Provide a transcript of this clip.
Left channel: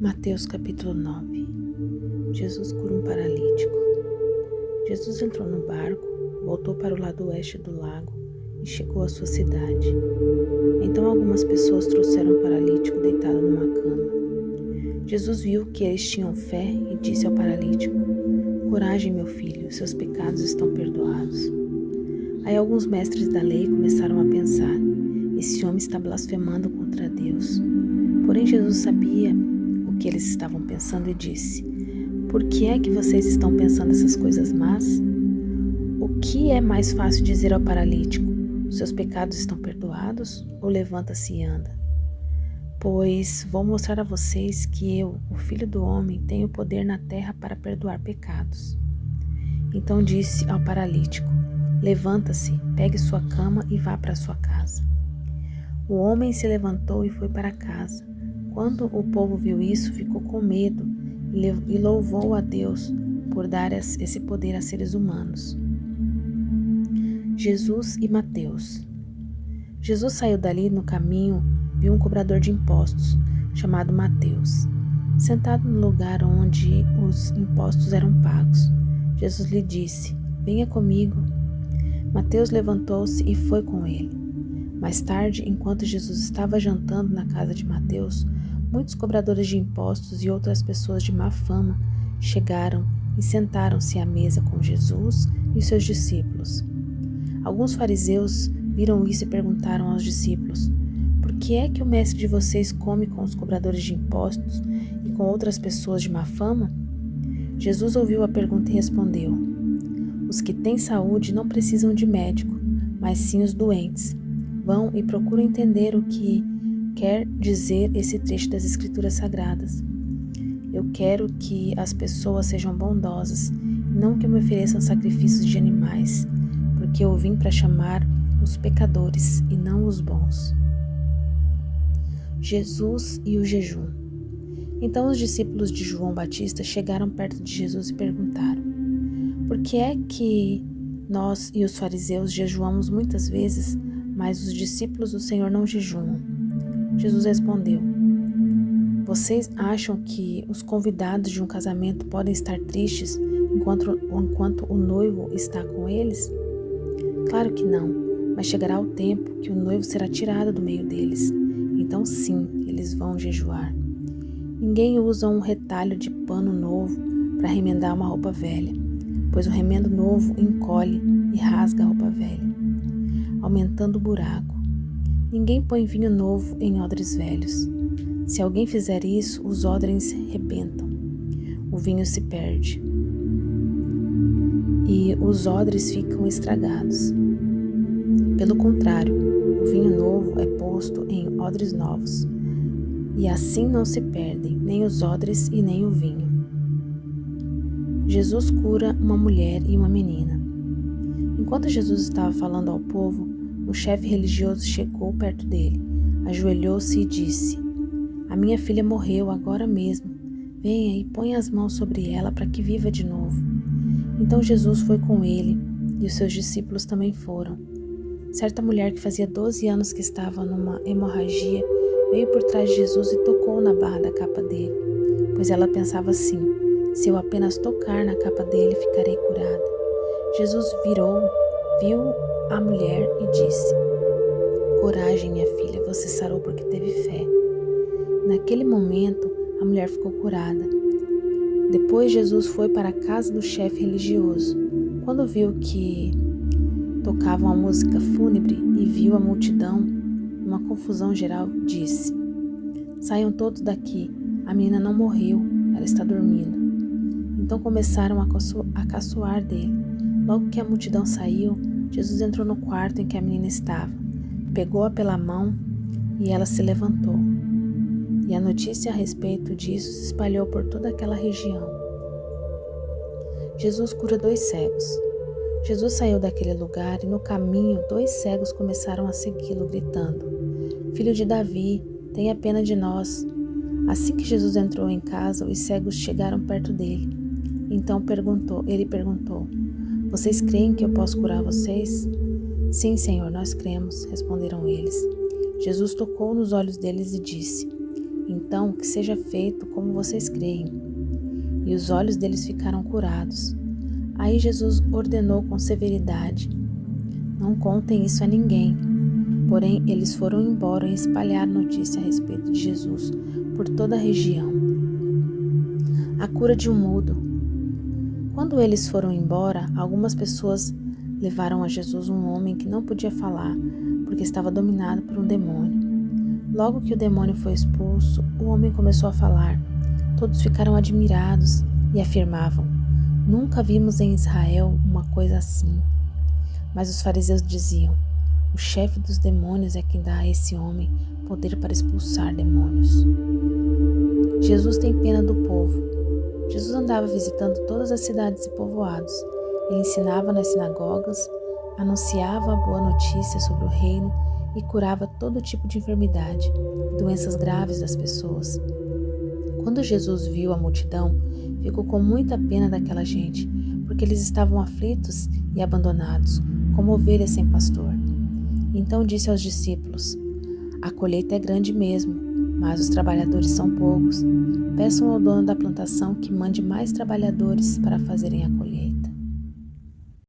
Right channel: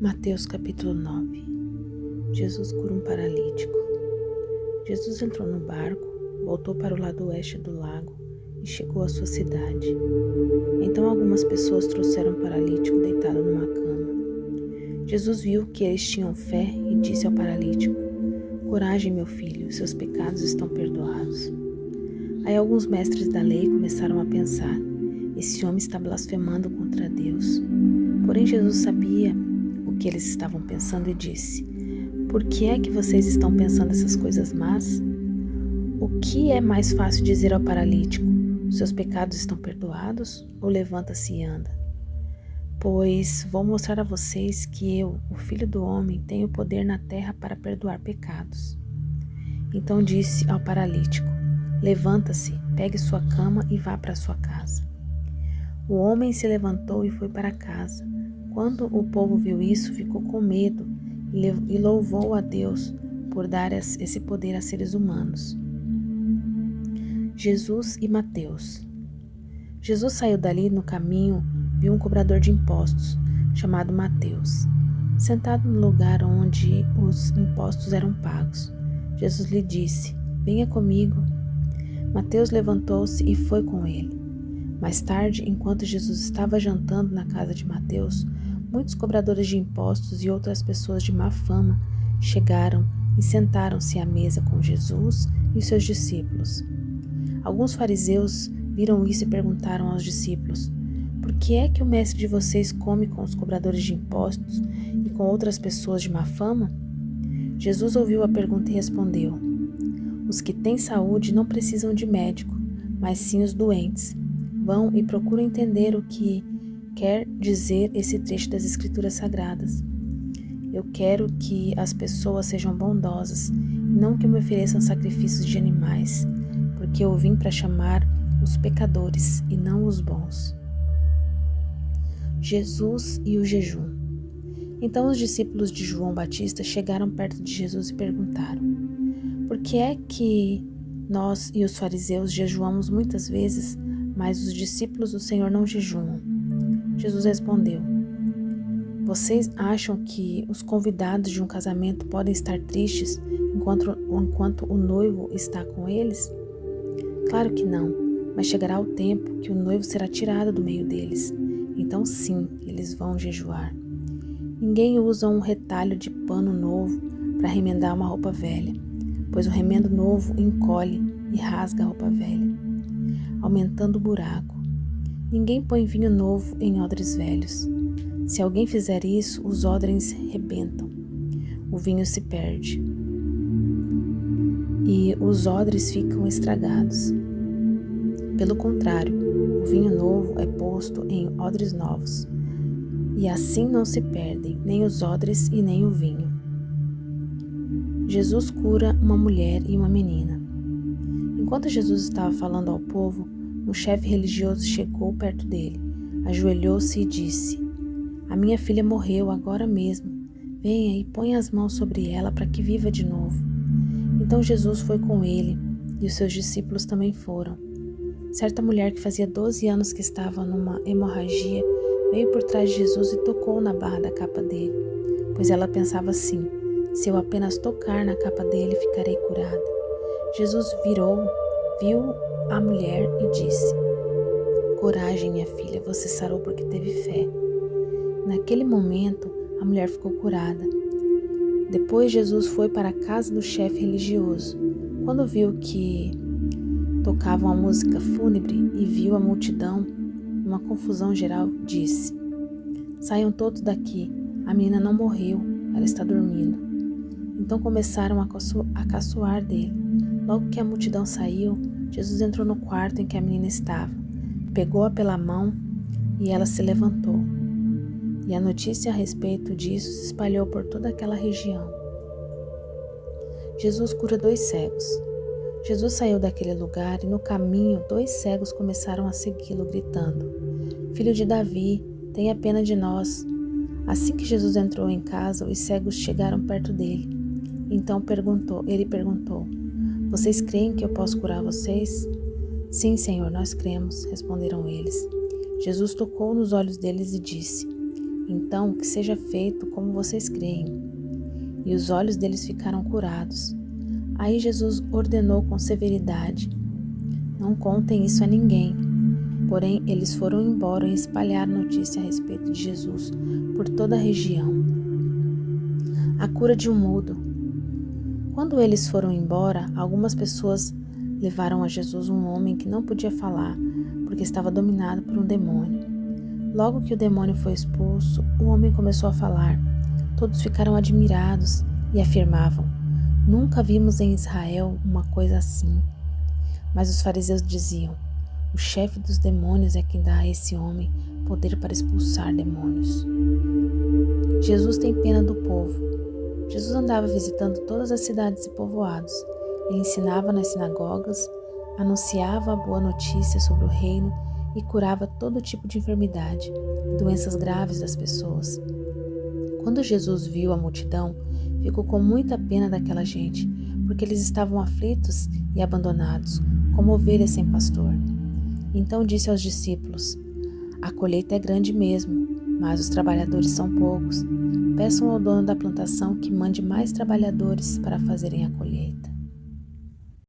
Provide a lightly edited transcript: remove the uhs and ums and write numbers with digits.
Mateus capítulo 9. Jesus cura um paralítico. Jesus entrou no barco, voltou para o lado oeste do lago e chegou à sua cidade. Então algumas pessoas trouxeram um paralítico deitado numa cama. Jesus viu que eles tinham fé e disse ao paralítico: "Coragem, meu filho, seus pecados estão perdoados." Aí alguns mestres da lei começaram a pensar: esse homem está blasfemando contra Deus. Porém Jesus sabia o que eles estavam pensando e disse: "Por que é que vocês estão pensando essas coisas más? O que é mais fácil dizer ao paralítico: os seus pecados estão perdoados, ou levanta-se e anda? Pois vou mostrar a vocês que eu, o Filho do Homem, tenho poder na terra para perdoar pecados." Então disse ao paralítico: "Levanta-se, pegue sua cama e vá para sua casa." O homem se levantou e foi para casa. Quando o povo viu isso, ficou com medo e louvou a Deus por dar esse poder a seres humanos. Jesus e Mateus. Jesus saiu dali no caminho, viu um cobrador de impostos, chamado Mateus, sentado no lugar onde os impostos eram pagos. Jesus lhe disse: "Venha comigo." Mateus levantou-se e foi com ele. Mais tarde, enquanto Jesus estava jantando na casa de Mateus, muitos cobradores de impostos e outras pessoas de má fama chegaram e sentaram-se à mesa com Jesus e seus discípulos. Alguns fariseus viram isso e perguntaram aos discípulos: "Por que é que o mestre de vocês come com os cobradores de impostos e com outras pessoas de má fama?" Jesus ouviu a pergunta e respondeu: "Os que têm saúde não precisam de médico, mas sim os doentes. Vão e procuram entender o que quer dizer esse trecho das Escrituras Sagradas. Eu quero que as pessoas sejam bondosas e não que me ofereçam sacrifícios de animais, porque eu vim para chamar os pecadores e não os bons." Jesus e o jejum. Então os discípulos de João Batista chegaram perto de Jesus e perguntaram: "Por que é que nós e os fariseus jejuamos muitas vezes, mas os discípulos do Senhor não jejuam?" Jesus respondeu: "Vocês acham que os convidados de um casamento podem estar tristes enquanto o noivo está com eles? Claro que não, mas chegará o tempo que o noivo será tirado do meio deles. Então sim, eles vão jejuar. Ninguém usa um retalho de pano novo para remendar uma roupa velha, pois o remendo novo encolhe e rasga a roupa velha, aumentando o buraco. Ninguém põe vinho novo em odres velhos. Se alguém fizer isso, os odres rebentam, o vinho se perde e os odres ficam estragados. Pelo contrário, o vinho novo é posto em odres novos, e assim não se perdem nem os odres e nem o vinho." Jesus cura uma mulher e uma menina. Enquanto Jesus estava falando ao povo, um chefe religioso chegou perto dele, ajoelhou-se e disse: "A minha filha morreu agora mesmo. Venha e ponha as mãos sobre ela para que viva de novo." Então Jesus foi com ele e os seus discípulos também foram. Certa mulher que fazia 12 anos que estava numa hemorragia veio por trás de Jesus e tocou na barra da capa dele, pois ela pensava assim: "Se eu apenas tocar na capa dele, ficarei curada." Jesus virou, viu a mulher e disse: "Coragem, minha filha, você sarou porque teve fé." Naquele momento, a mulher ficou curada. Depois Jesus foi para a casa do chefe religioso. Quando viu que tocavam a música fúnebre e viu a multidão, numa confusão geral, disse: "Saiam todos daqui, a menina não morreu, ela está dormindo." Então começaram a caçoar dele. Logo que a multidão saiu, Jesus entrou no quarto em que a menina estava, pegou-a pela mão e ela se levantou. E a notícia a respeito disso se espalhou por toda aquela região. Jesus cura 2 cegos. Jesus saiu daquele lugar e no caminho 2 cegos começaram a segui-lo, gritando: "Filho de Davi, tenha pena de nós." Assim que Jesus entrou em casa, os cegos chegaram perto dele. Então ele perguntou: "Vocês creem que eu posso curar vocês?" "Sim, Senhor, nós cremos", responderam eles. Jesus tocou nos olhos deles e disse: Então, que seja feito como vocês creem. E os olhos deles ficaram curados. Aí Jesus ordenou com severidade: não contem isso a ninguém. Porém, eles foram embora e espalharam notícia a respeito de Jesus por toda a região. A cura de um mudo. Quando eles foram embora, algumas pessoas levaram a Jesus um homem que não podia falar, porque estava dominado por um demônio. Logo que o demônio foi expulso, o homem começou a falar. Todos ficaram admirados e afirmavam: nunca vimos em Israel uma coisa assim. Mas os fariseus diziam: o chefe dos demônios é quem dá a esse homem poder para expulsar demônios. Jesus tem pena do povo. Jesus andava visitando todas as cidades e povoados. Ele ensinava nas sinagogas, anunciava a boa notícia sobre o reino e curava todo tipo de enfermidade e doenças graves das pessoas. Quando Jesus viu a multidão, ficou com muita pena daquela gente, porque eles estavam aflitos e abandonados, como ovelhas sem pastor. Então disse aos discípulos: a colheita é grande mesmo, mas os trabalhadores são poucos. Peçam ao dono da plantação que mande mais trabalhadores para fazerem a colheita.